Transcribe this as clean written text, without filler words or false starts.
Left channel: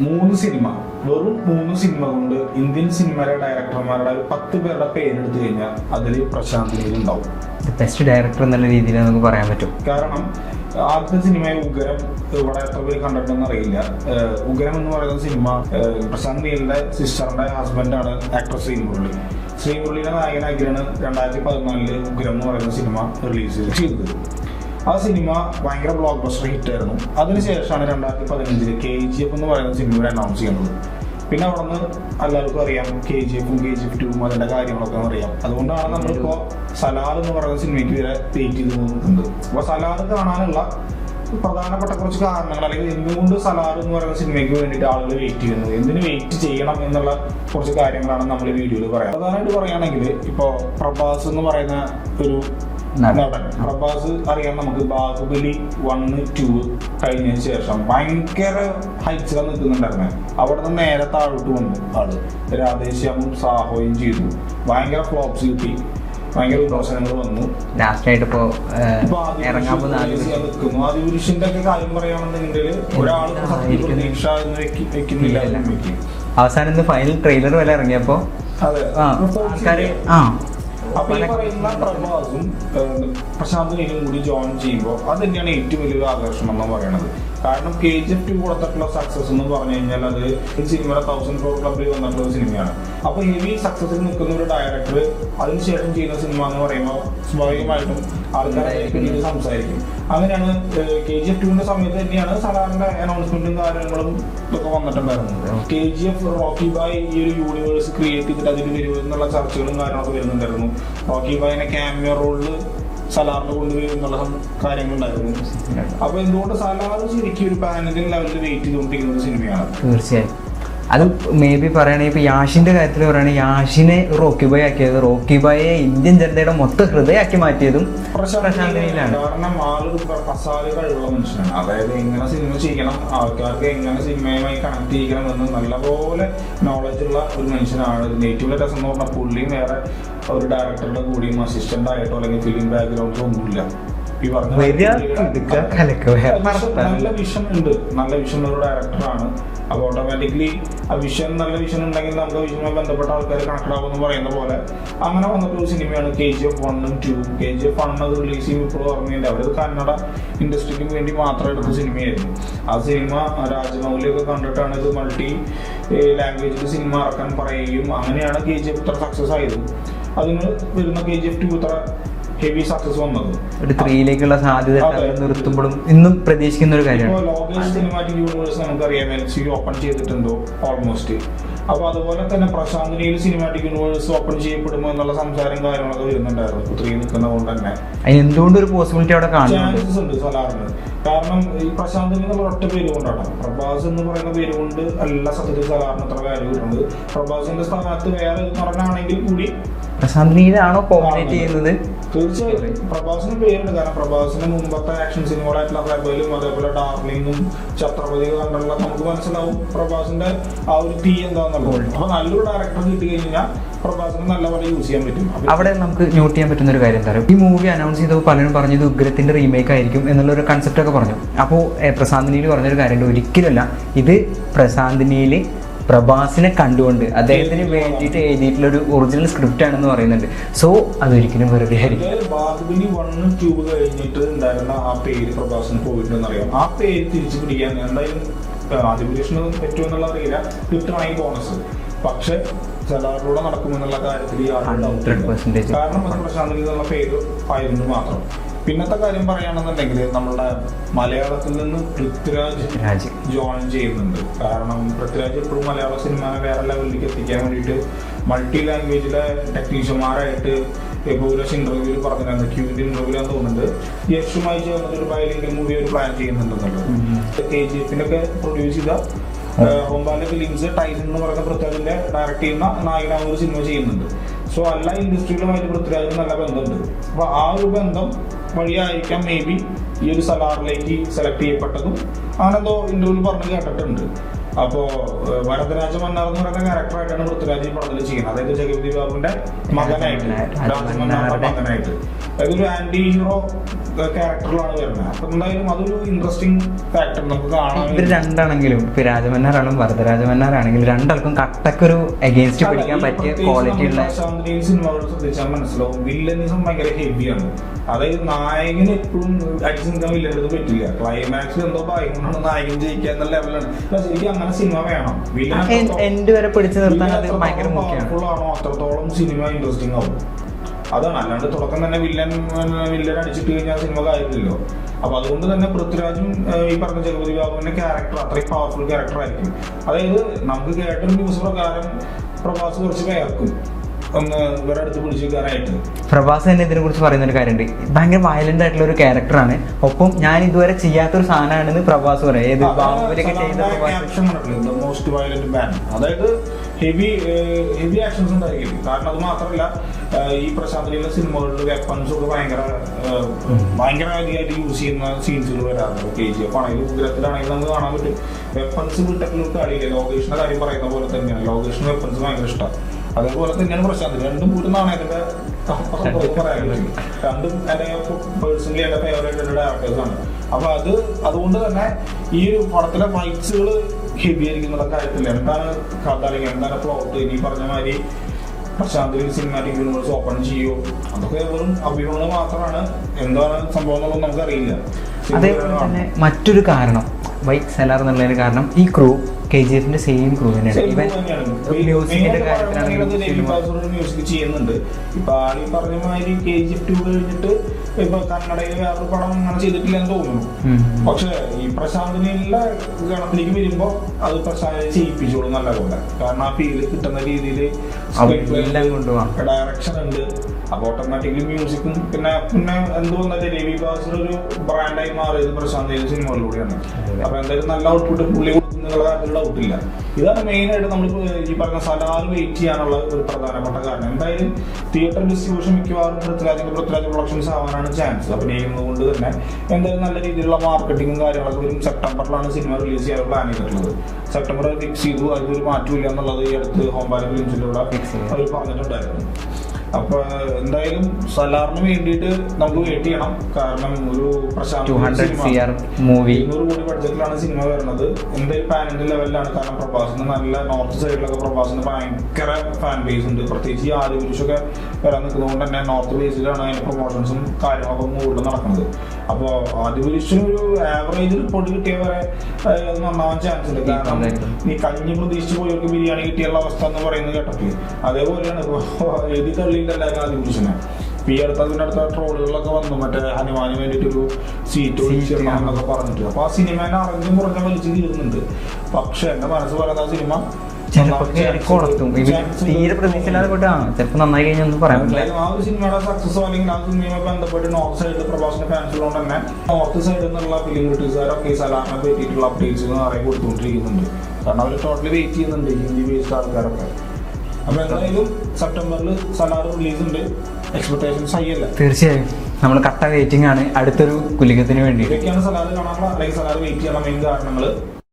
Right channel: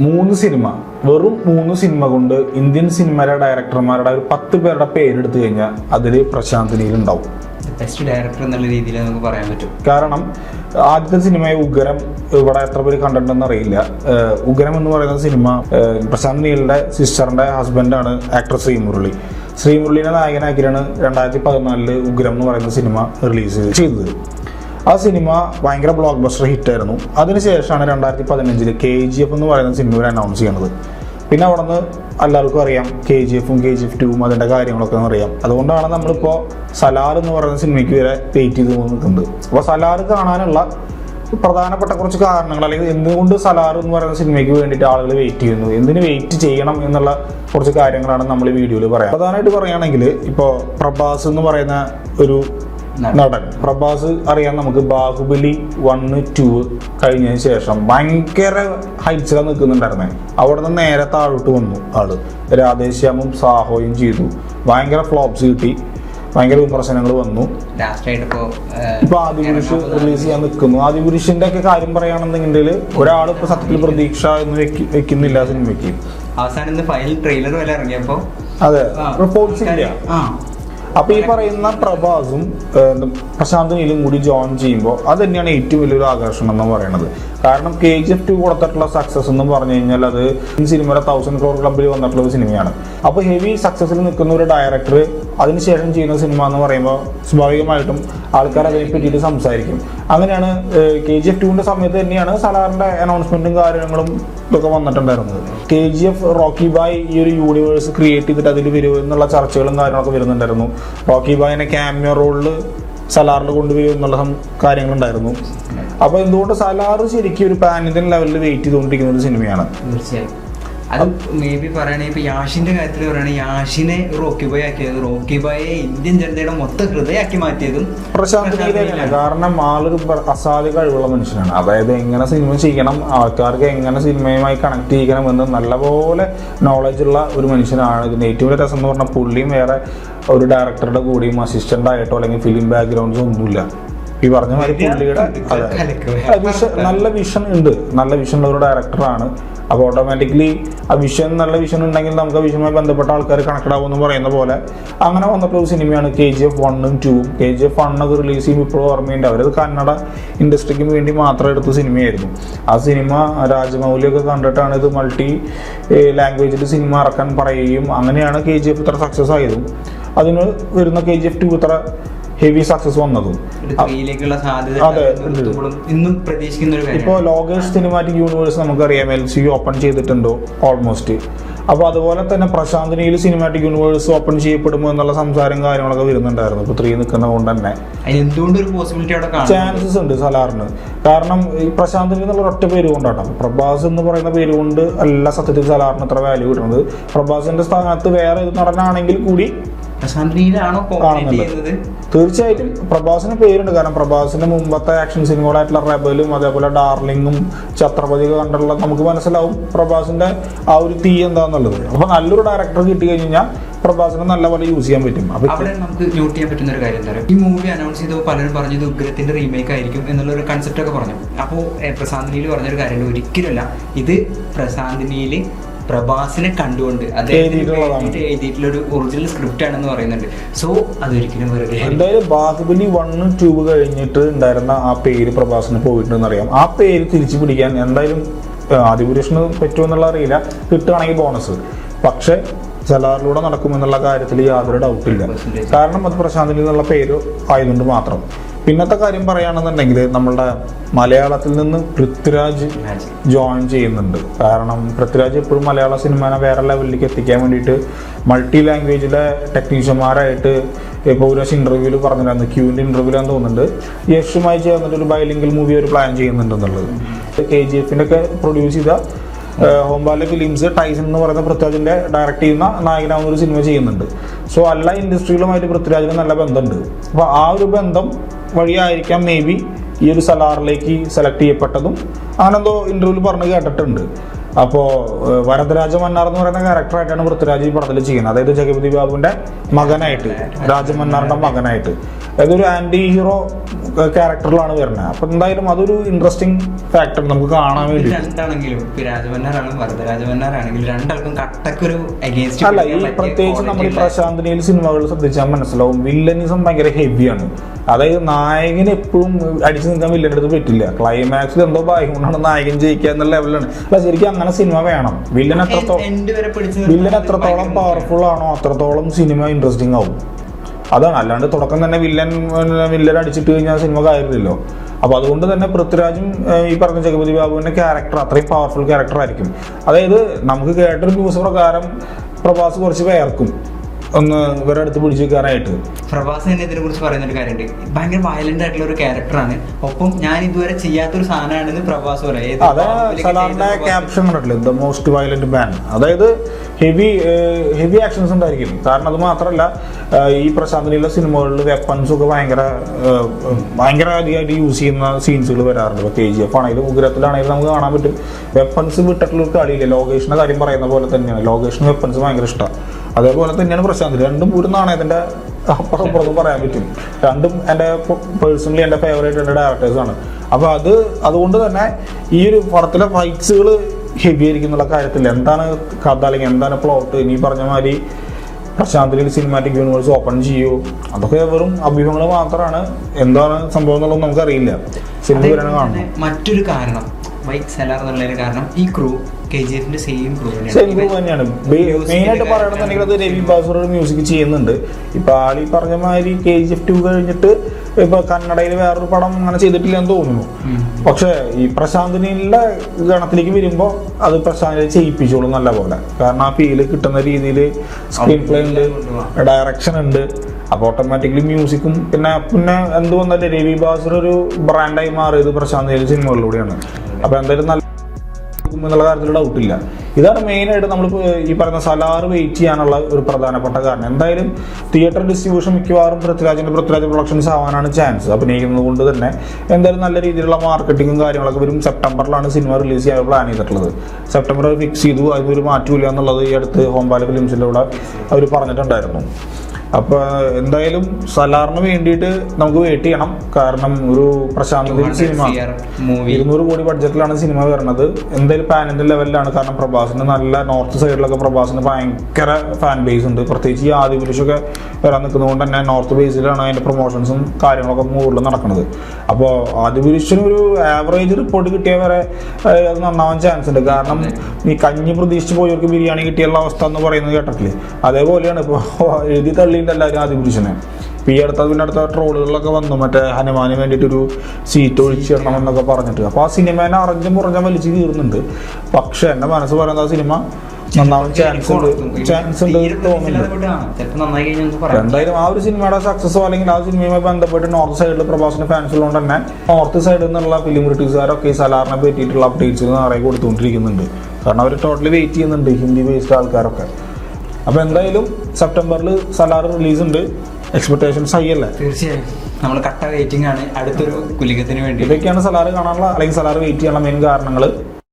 3 cinema, വെറും 3 cinema കൊണ്ട് Indian സിനിമയുടെ ഡയറക്ടർമാരുടെ ഒരു 10 പേരുടെ പേരെടുത്തു കഴിഞ്ഞാൽ അതിൽ പ്രശാന്ത് നീൽ ഉണ്ടാവും. ബെസ്റ്റ് ഡയറക്ടർ എന്നുള്ള രീതിയിൽ നമുക്ക് പറയാൻ പറ്റും. കാരണം ആദ്യത്തെ സിനിമ ഉഗ്രം ഇവിടെ എത്ര പേര് കണ്ടിട്ടുണ്ടെന്ന് അറിയില്ല. ഉഗ്രം എന്ന് പറയുന്ന സിനിമ പ്രശാന്ത് നീലിന്റെ സിസ്റ്ററിന്റെ ഹസ്ബൻഡാണ് ആക്ടർ ശ്രീമുരളിനെ നായകനാക്കിയാണ് 2014 ഉഗ്രം എന്ന് പറയുന്ന സിനിമ റിലീസ് ചെയ്തത്. ആ സിനിമ ഭയങ്കര ബ്ലോക്ക് ബസ്റ്റർ ഹിറ്റായിരുന്നു. അതിനുശേഷമാണ് 2015 KGF എന്ന് പറയുന്ന സിനിമ അനൗൺസ് ചെയ്യുന്നത്. പിന്നെ അവിടെ നിന്ന് എല്ലാവർക്കും അറിയാം KGF ഉം KGF 2 അതിൻ്റെ കാര്യങ്ങളൊക്കെ അറിയാം. അതുകൊണ്ടാണ് നമ്മളിപ്പോൾ സലാർ എന്ന് പറയുന്ന സിനിമയ്ക്ക് വരെ വെയിറ്റ് ചെയ്ത് പോകുന്നുണ്ട്. അപ്പോൾ സലാർ കാണാനുള്ള പ്രധാനപ്പെട്ട കുറച്ച് കാരണങ്ങൾ, അല്ലെങ്കിൽ എന്തുകൊണ്ട് സലാർ എന്ന് പറയുന്ന സിനിമയ്ക്ക് വേണ്ടിയിട്ട് ആളുകൾ വെയിറ്റ് ചെയ്യുന്നു, എന്തിന് വെയിറ്റ് ചെയ്യണം എന്നുള്ള കുറച്ച് കാര്യങ്ങളാണ് നമ്മൾ ഈ വീഡിയോയിൽ പറയാം. പ്രധാനമായിട്ട് പറയുകയാണെങ്കിൽ ഇപ്പോൾ പ്രഭാസ് എന്ന് പറയുന്ന ഒരു നടൻ, പ്രഭാസ് അറിയാം നമുക്ക്. ബാഹുബലി 1, 2 കഴിഞ്ഞതിന് ശേഷം ഭയങ്കര ഹൈറ്റ്സിലാണ് നിൽക്കുന്നുണ്ടായിരുന്നേ. അവിടെ നിന്ന് നേരെ താഴോട്ട് വന്നു ആള്. രാധേശ്യാമും സാഹോയും ചെയ്തു, ഭയങ്കര ഫ്ലോപ്സ് കിട്ടി, ഭയങ്കര വിമർശനങ്ങൾ വന്നു. ഇപ്പൊ ആദിപുരുഷൻ റിലീസ് ചെയ്യാൻ നിൽക്കുന്നു. ആദിപുരുഷന്റെ ഒക്കെ കാര്യം പറയുകയാണെന്നുണ്ടെങ്കിൽ ഒരാൾ ഇപ്പൊ സത്യത്തിൽ പ്രതീക്ഷ എന്ന് വെക്കുന്നില്ല സിനിമയ്ക്ക്. അവസാനം ഫൈനൽ ട്രെയിലർ വരെ ഇറങ്ങിയപ്പോ അതെ അപ്പൊ ഈ പറയുന്ന പ്രഭാസും പ്രശാന്ത് നീലും കൂടി ജോയിൻ ചെയ്യുമ്പോൾ അത് തന്നെയാണ് ഏറ്റവും വലിയൊരു ആകർഷണം എന്ന് പറയുന്നത്. കാരണം KGF 2 കൊടുത്തിട്ടുള്ള സക്സസ് എന്ന് പറഞ്ഞു കഴിഞ്ഞാൽ അത് സിനിമയുടെ 1000 crore ക്ലബിൽ വന്നിട്ടുള്ള ഒരു സിനിമയാണ്. അപ്പൊ ഹെവി സക്സസിൽ നിൽക്കുന്ന ഒരു ഡയറക്ടർ അതിനുശേഷം ചെയ്യുന്ന സിനിമ എന്ന് പറയുമ്പോൾ സ്വാഭാവികമായിട്ടും ആൾക്കാർ അതിനെ പറ്റിയിട്ട് സംസാരിക്കും. അങ്ങനെയാണ് KGF 2ന്റെ സമയത്ത് തന്നെയാണ് സലാറിന്റെ അനൗൺസ്മെന്റും കാര്യങ്ങളും ഇതൊക്കെ വന്നിട്ടുണ്ടായിരുന്നത്. KGF റോക്കി ബായ് ഈ ഒരു യൂണിവേഴ്സ് ക്രിയേറ്റ് ചെയ്തിട്ട് അതിൽ വരുമോ എന്നുള്ള ചർച്ചകളും കാര്യങ്ങളൊക്കെ വരുന്നുണ്ടായിരുന്നു. റോക്കി ബായിനെ ക്യാമിയോ റോളിൽ സലാറിൽ കൊണ്ടുവരും എന്നുള്ള കാര്യങ്ങളുണ്ടായിരുന്നു. അപ്പൊ എന്തുകൊണ്ട് സലാർ ശരിക്കും ഒരു പാൻ ഇന്ത്യൻ ലെവലിൽ വെയിറ്റ് ചെയ്തുകൊണ്ടിരിക്കുന്ന ഒരു സിനിമയാണ്. തീർച്ചയായും അത് മേ ബി പറയുകയാണെങ്കിൽ ഇപ്പൊ യാഷിന്റെ കാര്യത്തിൽ പറയുകയാണെങ്കിൽ യാഷിനെ റോക്കി ബായ് ആക്കിയത്, റോക്കി ബായെ ഇന്ത്യൻ ജനതയുടെ മൊത്തം ഹൃദയമാക്കി മാറ്റിയതും പ്രശാന്ത് നീലാണ്. കാരണം ആളൊരു അസാധ്യ കഴിവുള്ള മനുഷ്യനാണ്. അതായത് എങ്ങനെ സിനിമ ചെയ്യണം, ആൾക്കാർക്ക് എങ്ങനെ സിനിമയുമായി കണക്ട് ചെയ്യണം എന്ന് നല്ലപോലെ നോളജ് ഉള്ള ഒരു മനുഷ്യനാണ്. ഇതിന്റെ ഏറ്റവും വലിയ രസം എന്ന് പറഞ്ഞാൽ പുള്ളിയും വേറെ ഒരു ഡയറക്ടറുടെ കൂടിയും അസിസ്റ്റന്റ് ആയിട്ടോ അല്ലെങ്കിൽ ഫിലിം ബാക്ക്ഗ്രൗണ്ട്സ് ഒന്നുമില്ല. ഈ പറഞ്ഞ നല്ല വിഷൻ ഉണ്ട്, നല്ല വിഷൻ ഉള്ള ഒരു ഡയറക്ടറാണ്. അപ്പോൾ ഓട്ടോമാറ്റിക്കലി ആ വിഷൻ, നല്ല വിഷൻ ഉണ്ടെങ്കിൽ നമുക്ക് ആ വിഷനുമായി ബന്ധപ്പെട്ട ആൾക്കാർ കണക്ട് ആവുമെന്ന് പറയുന്ന പോലെ അങ്ങനെ വന്നിട്ടുള്ള ഒരു സിനിമയാണ് KGF 1 ഉം 2. KGF 1 അത് റിലീസ് ചെയ്യുമ്പോൾ ഇപ്പോൾ ഓർമ്മയുണ്ട്, അവരത് കന്നഡ ഇൻഡസ്ട്രിക്ക് വേണ്ടി മാത്രം എടുത്ത സിനിമയായിരുന്നു. ആ സിനിമ രാജമൗലിയൊക്കെ കണ്ടിട്ടാണ് ഇത് മൾട്ടി ലാംഗ്വേജിൽ സിനിമ ഇറക്കാൻ പറയുകയും അങ്ങനെയാണ് KGF ഇത്ര സക്സസ് ആയതും അതിന് വരുന്ന KGF 2 ഇത്ര ഹെവി സക്സസ് വന്നതും. ഇന്നും പ്രതീക്ഷിക്കുന്ന ഒരു കാര്യം. ഇപ്പോൾ ലോകേഷ് സിനിമാറ്റിക് യൂണിവേഴ്സ് നമുക്കറിയാം LCU ഓപ്പൺ ചെയ്തിട്ടുണ്ടോ ഓൾമോസ്റ്റ്. അപ്പോൾ അതുപോലെ തന്നെ Prashanth Neel cinematic universe open ചെയ്യപ്പെടുമോ എന്നുള്ള സംസാരം കാര്യങ്ങളൊക്കെ വരുന്നുണ്ടായിരുന്നു. ഇപ്പോൾ 3 നിൽക്കുന്നതുകൊണ്ട് തന്നെ എന്തുകൊണ്ടൊരു പോസിബിലിറ്റി അവിടെ ചാൻസസ് ഉണ്ട് സലാറിന്. കാരണം ഈ പ്രശാന്ത് നീൽ എന്നുള്ള ഒറ്റ പേര് കൊണ്ടാണ്, പ്രഭാസ് എന്ന് പറയുന്ന പേര് കൊണ്ട് അല്ല സത്യത്തിൽ സലാറിന് അത്ര വാല്യൂ കിട്ടുന്നത്. പ്രഭാസിന്റെ സ്ഥാനത്ത് വേറെ നടനാണെങ്കിൽ കൂടി തീർച്ചയായിട്ടും പ്രഭാസിന് പേരുണ്ട്. കാരണം പ്രഭാസിന്റെ മുമ്പത്തെ ആക്ഷൻ സിനിമകളായിട്ടുള്ള റെബലും അതേപോലെ ഡാർലിംഗും ഛത്രപതിയും കണ്ടുള്ള നമുക്ക് മനസ്സിലാവും പ്രഭാസിന്റെ ആ ഒരു തീ എന്താന്നുള്ളത്. അപ്പൊ നല്ലൊരു ഡയറക്ടർ കിട്ടി കഴിഞ്ഞാൽ പ്രഭാസിനെ നല്ലപോലെ യൂസ് ചെയ്യാൻ പറ്റും. അവിടെ നമുക്ക് നോട്ട് ചെയ്യാൻ പറ്റുന്ന ഒരു കാര്യം എന്താ, ഈ മൂവി അനൗൺസ് ചെയ്തപ്പോൾ പലരും പറഞ്ഞത് ഉഗ്രത്തിന്റെ റീമേക്ക് ആയിരിക്കും എന്നുള്ളൊരു കൺസെപ്റ്റ് ഒക്കെ പറഞ്ഞു. അപ്പോൾ പ്രശാന്ത് നീൽ പറഞ്ഞൊരു കാര്യം ഒരിക്കലല്ല, ഇത് പ്രശാന്ത് നീൽ പ്രഭാസിനെ കണ്ടുകൊണ്ട് അദ്ദേഹത്തിന് വേണ്ടിയിട്ട് എഴുതിയിട്ടുള്ള ഒരു ഒറിജിനൽ സ്ക്രിപ്റ്റ് ആണെന്ന് പറയുന്നുണ്ട്. സോ അതൊരിക്കലും വെറുതെ. എന്തായാലും ബാഹുബലി 1 ഉം 2 കഴിഞ്ഞിട്ട് ഉണ്ടായിരുന്ന ആ പേര് പ്രഭാസിന് പോയിട്ടുണ്ടെന്ന് അറിയാം. ആ പേര് തിരിച്ചു പിടിക്കാൻ എന്തായാലും ആദിപുരുഷന് പറ്റുമെന്നുള്ള അറിയില്ല, കിട്ടുകയാണെങ്കിൽ ബോണസ്. പക്ഷെ സലാറിലൂടെ നടക്കുമെന്നുള്ള കാര്യത്തിൽ യാതൊരു ഡൗട്ടില്ല. കാരണം അത് പ്രശാന്ത് നീൽ എന്നുള്ള പേര് ആയതുകൊണ്ട് മാത്രം. പിന്നത്തെ കാര്യം പറയുകയാണെന്നുണ്ടെങ്കിൽ നമ്മളുടെ മലയാളത്തിൽ നിന്ന് പൃഥ്വിരാജ് ജോയിൻ ചെയ്യുന്നുണ്ട്. കാരണം പൃഥ്വിരാജ് എപ്പോഴും മലയാള സിനിമയെ വേറെ ലെവലിലേക്ക് എത്തിക്കാൻ വേണ്ടിയിട്ട് മൾട്ടി ലാംഗ്വേജിലെ ടെക്നീഷ്യന്മാരായിട്ട് ഇപ്പോൾ ഒരു ഇന്റർവ്യൂവിൽ പറഞ്ഞിട്ടുണ്ട്, ക്യൂവിൻ്റെ ഇന്റർവ്യൂലാന്ന് തോന്നുന്നുണ്ട്, യഷുമായി ചേർന്നിട്ട് ഒരു ബൈലിംഗൽ മൂവി ഒരു പ്ലാൻ ചെയ്യുന്നുണ്ടെന്നുള്ളത്. KGF-നൊക്കെ പ്രൊഡ്യൂസ് ചെയ്ത ഹോംബാലെ ഫിലിംസ് ടൈസൺ എന്ന് പറയുന്ന പൃഥ്വിരാജിന്റെ ഡയറക്ട് ചെയ്യുന്ന നായകനാവുന്ന ഒരു സിനിമ ചെയ്യുന്നുണ്ട്. സോ എല്ലാ ഇൻഡസ്ട്രികളുമായിട്ട് പൃഥ്വിരാജിന് നല്ല ബന്ധമുണ്ട്. അപ്പോൾ ആ ഒരു ബന്ധം വഴിയായിരിക്കാം മേ ബി ഈ ഒരു സലാറിലേക്ക് സെലക്ട് ചെയ്യപ്പെട്ടതും. അങ്ങനെന്തോ ഇന്റർവ്യൂവിൽ പറഞ്ഞ് കേട്ടിട്ടുണ്ട്. അപ്പോ വരദരാജ മന്നാർ എന്ന് പറയുന്ന ക്യാരക്ടറായിട്ടാണ് പൃഥ്വിരാജ് ഈ പടത്തിൽ ചെയ്യുന്നത്. അതായത് ജഗപതി ബാബുവിന്റെ മകനായിട്ട്, രാജമന്നാറിന്റെ മകനായിട്ട്, അതായത് ഒരു ആന്റി ഹീറോ ക്യാരക്ടറിലാണ് വരുന്നത്. അപ്പൊ എന്തായാലും അതൊരു ഇൻട്രസ്റ്റിംഗ് ഫാക്ടർ നമുക്ക് കാണാൻ വേണ്ടി. രണ്ടാണെങ്കിലും ഇപ്പൊ രാജമന്നാറാണെങ്കിലും വരദരാജമന്നാറാണെങ്കിലും രണ്ടാൾക്കും കട്ടക്കൊരു അല്ല, ഈ പ്രത്യേകിച്ച് നമ്മൾ പ്രശാന്ത് നീൽ സിനിമകൾ ശ്രദ്ധിച്ചാൽ മനസ്സിലാവും വില്ലനിസം ഭയങ്കര ഹെവിയാണ്. അതായത് നായകന് എപ്പോഴും അടിച്ചു നിൽക്കാൻ വില്ലന്റെ അടുത്ത് പറ്റില്ല. ക്ലൈമാക്സിൽ എന്തോ ഭാഗ്യം കൊണ്ടാണ് നായകൻ ജയിക്കുക എന്നുള്ള ലെവലാണ്. അല്ല, ശരിക്കും അങ്ങനെ സിനിമ വേണം. വില്ലൻ എത്രത്തോളം പവർഫുൾ ആണോ അത്രത്തോളം സിനിമ ഇൻട്രസ്റ്റിംഗ് ആവും. അതാണ്. അല്ലാണ്ട് തുടക്കം തന്നെ വില്ലൻ അടിച്ചിട്ട് കഴിഞ്ഞാൽ സിനിമ കാര്യമില്ലല്ലോ. അപ്പൊ അതുകൊണ്ട് തന്നെ പൃഥ്വിരാജും ഈ പറഞ്ഞ ജഗപതി ബാബുവിന്റെ ക്യാരക്ടർ അത്രയും പവർഫുൾ ക്യാരക്ടർ ആയിരിക്കും. അതായത് നമുക്ക് കേട്ടൊരു ന്യൂസ് പ്രകാരം പ്രഭാസ് കുറച്ച് പേർക്കും ഒന്ന് ഇവരുടെ അടുത്ത് പിടിച്ചു വെക്കാനായിട്ട്. പ്രഭാസ് തന്നെ ഇതിനെ കുറിച്ച് പറയുന്ന ഒരു കാര്യമുണ്ട്, ഭയങ്കര വയലന്റ് ആയിട്ടുള്ള ഒരു ക്യാരക്ടറാണ്, ഒപ്പം ഞാൻ ഇതുവരെ ചെയ്യാത്തൊരു സാധനമാണെന്ന് പ്രഭാസ് പറയാം. ക്യാപ്ഷൻ കണ്ടിട്ടില്ലേ, ദ മോസ്റ്റ് വയലന്റ് മാൻ. അതായത് ഹെവി ആക്ഷൻസ് ഉണ്ടായിരിക്കും. കാരണം അത് മാത്രമല്ല, ഈ പ്രശാന്ത് നീലിന്റെ സിനിമകളിൽ വെപ്പൺസ് ഒക്കെ ഭയങ്കര അധികമായിട്ട് യൂസ് ചെയ്യുന്ന സീൻസുകൾ വരാറുണ്ട്. ഇപ്പൊ KGF ആണെങ്കിലും ഉഗ്രത്തിലാണെങ്കിലും നമുക്ക് കാണാൻ പറ്റും. വെപ്പൺസ് വിട്ടിട്ടുള്ള ഒരു കളിയില്ല. ലോകേഷിന്റെ കാര്യം പറയുന്ന പോലെ തന്നെയാണ്. ലോകേഷിന് വെപ്പൺസ് ഭയങ്കര ഇഷ്ടമാണ്. അതേപോലെ തന്നെയാണ് പ്രശാന്ത്. രണ്ടും ഒരു നാണയത്തിന്റെ അപ്പുറം പറയാൻ പറ്റും. രണ്ടും എൻ്റെ പേഴ്സണലി എൻ്റെ ഫേവറേറ്റ് എൻ്റെ ഡയറക്ടേഴ്സാണ്. അപ്പൊ അതുകൊണ്ട് തന്നെ ഈ ഒരു പടത്തിലെ ഫൈറ്റ്സുകൾ ഹെവി ആയിരിക്കും എന്നുള്ള കാര്യത്തിൽ എന്താണ് കഥ അല്ലെങ്കിൽ എന്താണ് പ്ലോട്ട്, ഇനി പറഞ്ഞ മാതിരി Prashanth Neel cinematic universe open ചെയ്യൂ, അതൊക്കെ വെറും അഭിമുഖങ്ങൾ മാത്രമാണ്. എന്താണ് സംഭവം എന്നുള്ളത് നമുക്കറിയില്ല. മറ്റൊരു കാരണം ബൈക്ക് സെലർ എന്നുള്ളതിന് കാരണം ഈ ക്രൂ KGFന്റെ സെയിം ക്രൂ തന്നെയാണ്. മെയിനായിട്ട് പറയണമെന്നുണ്ടെങ്കിൽ രവി ബാസൂർ മ്യൂസിക് ചെയ്യുന്നുണ്ട്. ഇപ്പൊ ആദ്യം പറഞ്ഞ മാതിരി KGF 2 കഴിഞ്ഞിട്ട് ഇപ്പൊ കന്നഡയിൽ വേറൊരു പടം അങ്ങനെ ചെയ്തിട്ടില്ലെന്ന് തോന്നുന്നു. പക്ഷെ ഈ പ്രശാന്ത് നീലിന്റെ ഗണത്തിലേക്ക് വരുമ്പോ അത് പ്രശാന്ത് ചെയ്യിപ്പിച്ചോളും നല്ല പോലെ. കാരണം ആ ഫീല് കിട്ടുന്ന രീതിയിൽ സ്ക്രീൻ പ്ലേ ഉണ്ട്, ഡയറക്ഷൻ ഉണ്ട്. അപ്പൊ ഓട്ടോമാറ്റിക്കലി മ്യൂസിക്കും പിന്നെ എന്ത് വന്നാലും രവി ബാസൂർ ഒരു ബ്രാൻഡായി മാറിയത് പ്രശാന്ത് നീൽ സിനിമകളിലൂടെയാണ്. അപ്പൊ എന്തായാലും നല്ല ഔട്ട്പുട്ട് പുള്ളി കൊടുക്കും എന്നുള്ള കാര്യത്തിൽ ഡൗട്ടില്ല. ഇതാണ് മെയിനായിട്ട് നമ്മളിപ്പോൾ ഈ പറയുന്ന സലാർ വെയിറ്റ് ചെയ്യാനുള്ള ഒരു പ്രധാനപ്പെട്ട കാരണം. എന്തായാലും തിയേറ്റർ ഡിസ്ട്രിബ്യൂഷൻ മിക്കവാറും പൃഥ്വിരാജ് പ്രൊഡക്ഷൻസ് ആവാനാണ് ചാൻസ്. അഭിനയിക്കുന്നത് കൊണ്ട് തന്നെ എന്തായാലും നല്ല രീതിയിലുള്ള മാർക്കറ്റിങ്ങും കാര്യങ്ങളൊക്കെ വരും. സെപ്റ്റംബറിലാണ് സിനിമ റിലീസ് ചെയ്യാൻ പ്ലാൻ ചെയ്തിട്ടുള്ളത്. സെപ്റ്റംബർ ഫിക്സ് ചെയ്തു, അതിനൊരു മാറ്റമില്ല എന്നുള്ളത് ഈ അടുത്ത് ഹോംബാല ഫിലിംസിലൂടെ അവർ പറഞ്ഞിട്ടുണ്ടായിരുന്നു. അപ്പൊ എന്തായാലും സലാറിന് വേണ്ടിയിട്ട് നമുക്ക് വെയിറ്റ് ചെയ്യണം. കാരണം ഒരു പ്രശാന്ത് സിനിമ 200 കോടി ബഡ്ജറ്റിലാണ് സിനിമ വരുന്നത്. എന്തായാലും പാനിന്റെ ലെവലിലാണ്. കാരണം പ്രഭാസിന് നല്ല നോർത്ത് സൈഡിലൊക്കെ പ്രഭാസിന് ഭയങ്കര ഫാൻ ബേസ് ഉണ്ട്. പ്രത്യേകിച്ച് ഈ ആദ്യ പുരുഷൊക്കെ വരാൻ നിൽക്കുന്നതുകൊണ്ട് തന്നെ നോർത്ത് ബേസിലാണ് അതിന്റെ പ്രൊമോഷൻസും കാര്യങ്ങളൊക്കെ കൂടുതൽ നടക്കുന്നത്. അപ്പോൾ ആദ്യ പുരുഷന് ഒരു ആവറേജ് റിപ്പോർട്ട് കിട്ടിയ വരെ അത് നന്നാവാൻ ചാൻസ് ഉണ്ട്. കാരണം ഈ കഞ്ഞി പ്രതീക്ഷിച്ച് പോയവർക്ക് ബിരിയാണി കിട്ടിയുള്ള അവസ്ഥ എന്ന് പറയുന്നത് കേട്ടിട്ടില്ലേ, അതേപോലെയാണ് ഇപ്പോൾ എഴുതി തള്ളിൻ്റെ എല്ലാവരും ആദ്യ പുരുഷനെ. ഈ അടുത്ത ട്രോളുകളിലൊക്കെ വന്നു, മറ്റേ ഹനുമാന് വേണ്ടിയിട്ടൊരു സീറ്റ് ഒഴിച്ചിടണം എന്നൊക്കെ പറഞ്ഞിട്ട്. അപ്പൊ ആ സിനിമേനെ അറിഞ്ഞും കുറഞ്ഞ വലിച്ചു കീറുന്നുണ്ട്. പക്ഷെ എന്റെ മനസ്സ് പറയുന്നത് ആ സിനിമ എന്തായാലും ആ ഒരു സിനിമയുടെ സക്സസോ അല്ലെങ്കിൽ ആ സിനിമയുമായി ബന്ധപ്പെട്ട് നോർത്ത് സൈഡിൽ പ്രഭാസിന്റെ ഫാൻസ് ഉള്ളതുകൊണ്ട് തന്നെ നോർത്ത് സൈഡിൽ നിന്നുള്ള ഫിലിം ക്രിറ്റിക്സുകാരൊക്കെ ഈ സലാറിനെ പറ്റിയിട്ടുള്ള അപ്ഡേറ്റ്സ് നിറയെ കൊടുത്തുകൊണ്ടിരിക്കുന്നുണ്ട്. കാരണം അവർ ടോട്ടലി വെയിറ്റ് ചെയ്യുന്നുണ്ട്, ഹിന്ദി ബേസ്ഡ് ആൾക്കാരൊക്കെ. അപ്പൊ എന്തായാലും സെപ്റ്റംബറിൽ സലാർ റിലീസ് ഉണ്ട്. എക്സ്പെക്ടേഷൻസ് ഹൈ അല്ലേ? തീർച്ചയായും നമ്മൾ കട്ട വെയിറ്റിംഗ് ആണ് അടുത്തൊരു കുലികത്തിന് വേണ്ടി. ഇതൊക്കെയാണ് സലാർ കാണാനുള്ള അല്ലെങ്കിൽ സലാർ വെയിറ്റ് ചെയ്യാനുള്ള മെയിൻ കാരണങ്ങൾ.